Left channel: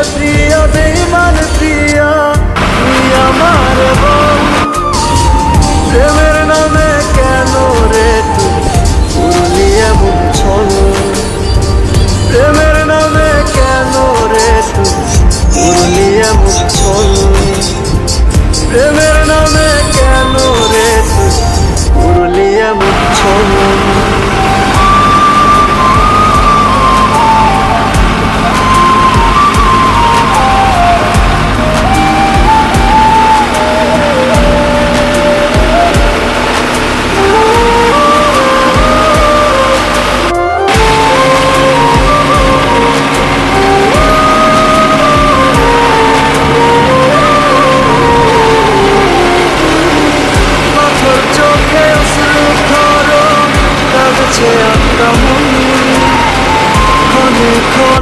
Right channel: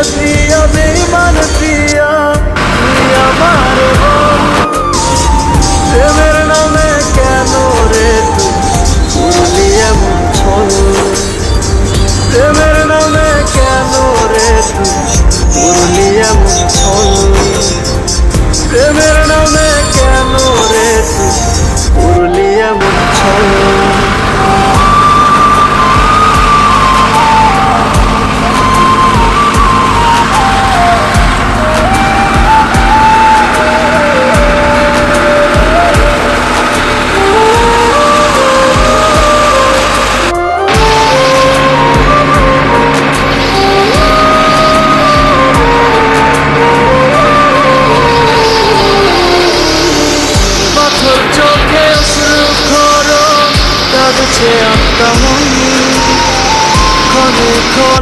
প্রিয়া বেঈমান প্রিয়া তুই আমার বল, প্রেমের নামে কেন রে তুই করলি এমন ছল, প্রেমের নামে কেন রে তুই করলি এমন ছল, প্রেমের নামে কেন রে তুই করলি এমন ছল। তোর চোখে অশ্রু খরো কাঁদছে আত্মা মন ক্ষণে ক্ষণে